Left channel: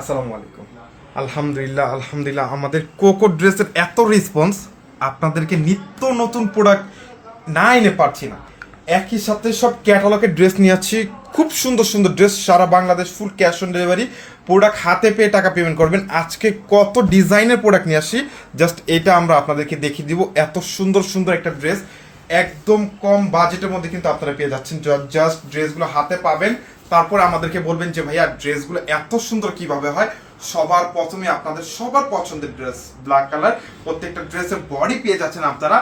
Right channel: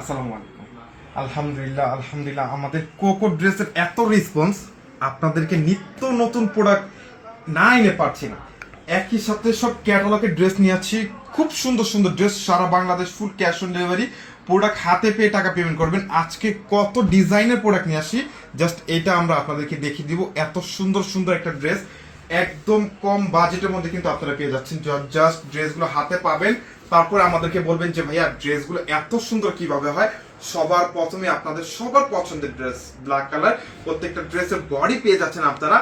আসসালামু আলাইকুম। আলহামদুলিল্লাহ আলহামদুলিল্লাহ, আমাদের কোকো ড্রেসের এত রেসপন্স, আপনাদেরকে নিত্য নতুন প্রোডাক্ট না এনে পারছি না। একই সাথে সব ক্যাটালগের ড্রেস নিয়ে আসছি, খুব সুন্দর সুন্দর ড্রেস, সারা Bangladesh full cash on delivery, product হাতে পেয়ে টাকা পেমেন্ট করবেন। আজকে কত ডিজাইনের প্রোডাক্ট নিয়ে আসি, জাস্ট এটা আমরা আপনাদেরকে দেখিয়ে দিব। এত সুন্দর সুন্দর একটা ড্রেস একদম কম বাজেটের মধ্যে কিন্তু আপনারা পেয়ে যাচ্ছেন। জাস্ট ড্রেসগুলো হাতে পাবেন, তারপর আমাদেরকে বলবেন যে ভাইয়া ড্রেসগুলো এত সুন্দর কিভাবে হয়। সবার প্রথমে আপনাদের সবার পছন্দের ড্রেস ব্ল্যাক কালার, প্রত্যেকটা ড্রেসের বডি পেয়ে যাচ্ছেন আপনারা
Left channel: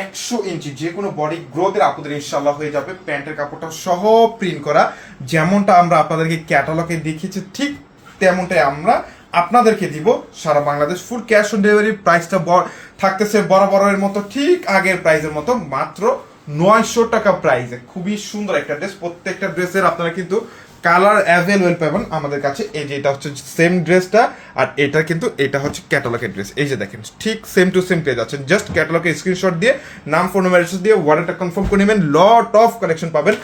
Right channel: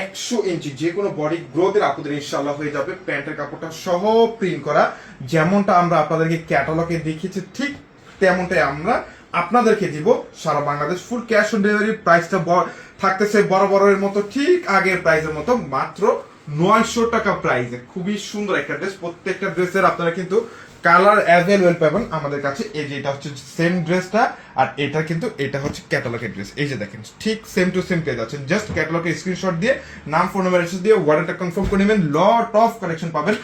100 ইঞ্চি, যে কোনো বডি গ্রোথের আপনাদের ইনশাল্লাহ হয়ে যাবে। প্যান্টের কাপড়টা সহ প্রিন্ট করা, যেমনটা আমরা আপনাদেরকে ক্যাটালগে দেখিয়েছি ঠিক তেমনটাই আমরা আপনাদেরকে দিব। সারা Bangladesh full cash on delivery, প্রাইসটা থাকতেছে বরাবরের মতো, ঠিক আগের প্রাইসের মতো, মাত্র 900 টাকা প্রাইসে। খুবই সুন্দর একটা ড্রেস, প্রত্যেকটা ড্রেসের আপনারা কিন্তু কালার অ্যাভেলেবেল পাবেন আমাদের কাছে। এই যে এটা হচ্ছে সেম ড্রেসটা, আর এটা কিন্তু এটা হচ্ছে ক্যাটালগের ড্রেস। এই যে দেখেন ঠিক সেম টু সেম পেয়ে যাচ্ছেন। জাস্ট ক্যাটালগের স্ক্রিনশট দিয়ে নাম ফোন নাম্বার দিয়ে অর্ডারটা কনফার্ম করে নেবেন। লট অফ কালেকশন পাবেন,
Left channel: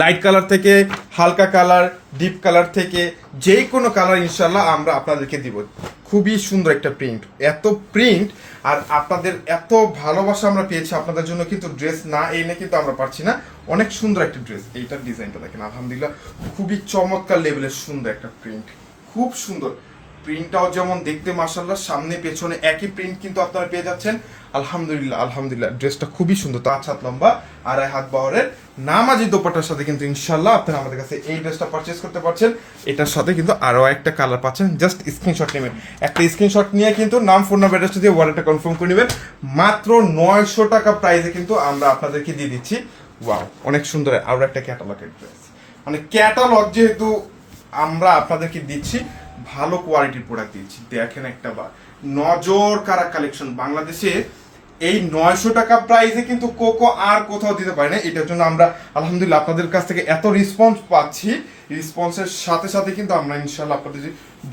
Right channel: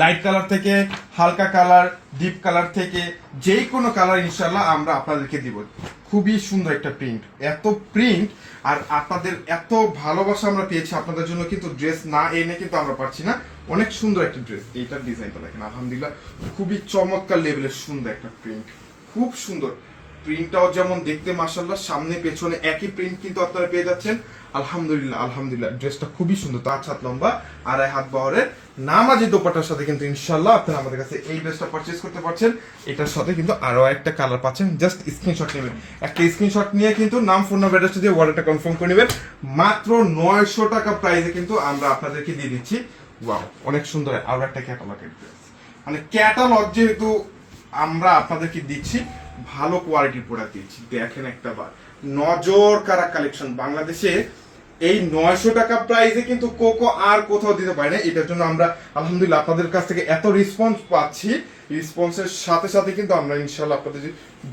লাইট কালার থেকে হালকা কালার, ডিপ কালার থেকে যে কোনো কালার ইনশাল্লাহ আমরা আপনাদেরকে দিব। খুবই সুন্দর একটা প্রিন্ট, এত প্রিন্ট আর আপনাদের এত ভালোবাসা আমরা পেয়েছি আপনাদের জন্য, কিন্তু ড্রেস না এনে কিন্তু আমরা পারছি না। অনেক সুন্দর একটা ড্রেস, এইটার ডিজাইনটা দেখেন আলহামদুলিল্লাহ, খুবই চমৎকার লেভেলের সুন্দর একটা প্রিন্ট, খুব সুন্দর প্রিন্টটাও যেমন দেখতে মাশাআল্লাহ, সামনে পেছনে একই প্রিন্ট কিন্তু আপনারা পেয়ে যাচ্ছেন। আলহামদুলিল্লাহ আলহামদুলিল্লাহ, ড্রেসটা খুবই সুন্দর, 5 হাত লম্বা, 2.5 হাত বহরের নামাজি দোপাট্টার সাথে কিন্তু ইনশাল্লাহ আপনারা আমাদের কাছে এই ড্রেসটা পারচেজ করতে পারছেন। এটার সাথে কিন্তু আরো একটা কালার পাচ্ছেন। জাস্ট স্ক্রিনশট নেবেন, একটা স্ক্রিনশট নিয়ে কিন্তু নাম ফোন নাম্বার অ্যাড্রেস দিয়ে অর্ডারটা কনফার্ম করে নেবেন। মাত্র 900 টাকা প্রাইসে কিন্তু আমরা আপনাদেরকে দিয়ে দিচ্ছি। ওয়াও, অনেক সুন্দর আরো একটা ক্যাটালগের ড্রেস, মানে ক্যাটালগ যেহেতু আমরা আপনাদেরকে দিচ্ছি, ভালো কোয়ালিটির প্রোডাক্ট দিচ্ছি। দেখেন একটা বার নজর কারা কালেকশন, বাংলাদেশে এই 900 টাকা প্রাইসে কিন্তু কোকো আর কোথাও দিতে পারি না। এটার জন্য আমরা আলহামদুলিল্লাহ আপনাদের কাছ থেকে এত রেসপন্স পাচ্ছি, রেসপন্সের সাথে সাথে কিন্তু আমরা ইনশাল্লাহ আপনাদের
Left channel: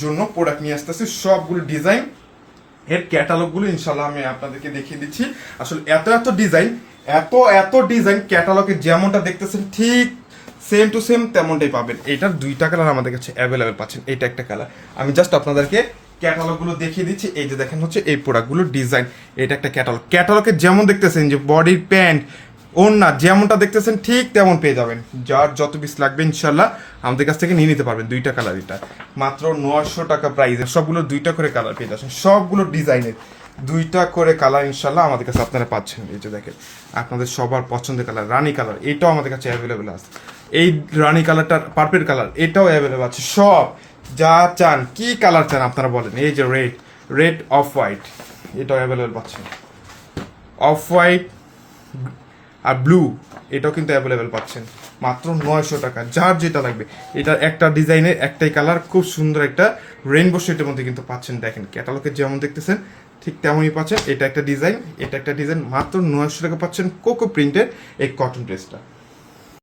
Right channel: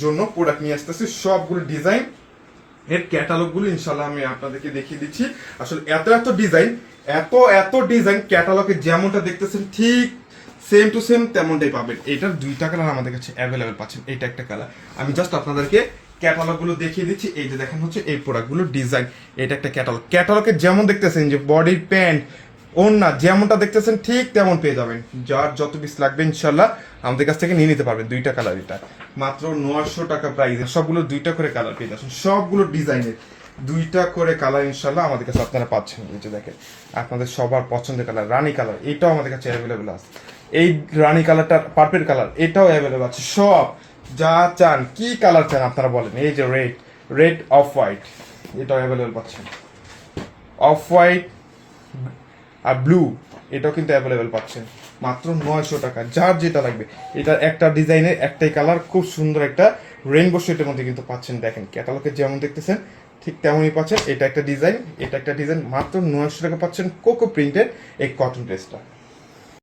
জন্য প্রোডাক্ট নিয়ে আসতেছি। সবগুলো ডিজাইন এর ক্যাটালগ গুলো ইনশাল্লাহ আমি আপনাদেরকে দেখিয়ে দিচ্ছি। আসলে এত এত ডিজাইন, এত এত ডিজাইন ক্যাটালগে যেমনটা দেখতেছেন ঠিক সেম টু সেম তেমনটাই পাবেন। এটার 2টা কালার আমাদের কাছে অ্যাভেলেবেল পাচ্ছেন। এটা একটা কালার, আমি জাস্ট আপনাদেরকে ক্যাটালগ গুলো দেখিয়ে দিচ্ছি। এই যে দেখেন হচ্ছে এই প্রোডাক্টগুলো ডিজাইন, এটা একটা ক্যাটালগ। ক্যাটালগে যেমন দেখতেছেন যে বডির প্যান্ট ওড়না যেমনটা দেখতেছেন ঠিক তেমন পেয়ে যাবেন। যার যত পিস লাগবে ইনশাল্লাহ আমাদের কাছ থেকে নিয়ে নিতে পারবেন। 2টা কালার, এটা মাত্র 900 টাকা প্রাইসে। সবগুলো 2টা করে কালার পেয়ে যাচ্ছেন, সবগুলো ডিজাইনের 2টা করে কালার ইনশাল্লাহ আমাদের কাছে আপনারা পাচ্ছেন। এই যে দেখেন আপনাদের সবার পছন্দের কালার রানী কালার, এটাও আমাদের কাছে অ্যাভেলেবেল আছে। এই রানী কালারটা পার্পল কালার, এটাও অ্যাভেলেবেল আছে। সব যা চান, কি কালার চান আপনারা বলেন। এই যে রেড অফ হোয়াইট, এটাও অ্যাভেলেবেল পাচ্ছেন। অফ হোয়াইট আর ব্লু, এটাও কিন্তু অ্যাভেলেবেল পাচ্ছেন মাত্র 900 টাকা। যার যেটা লাগবে, এটা একটা ডিজাইনের একটাই কালার, খুব সুন্দর একটা রেইনবো শেডের মধ্যে কিন্তু পাচ্ছেন। দেখেন ক্যাটালগে যেমন দেখতেছেন ঠিক তেমনই পাচ্ছেন। এটা একটা ডিজাইন, এটা একটা ডিজাইন, মাত্র 900 টাকা পাচ্ছেন কোকো প্রিন্টের এই কটন ড্রেসটা।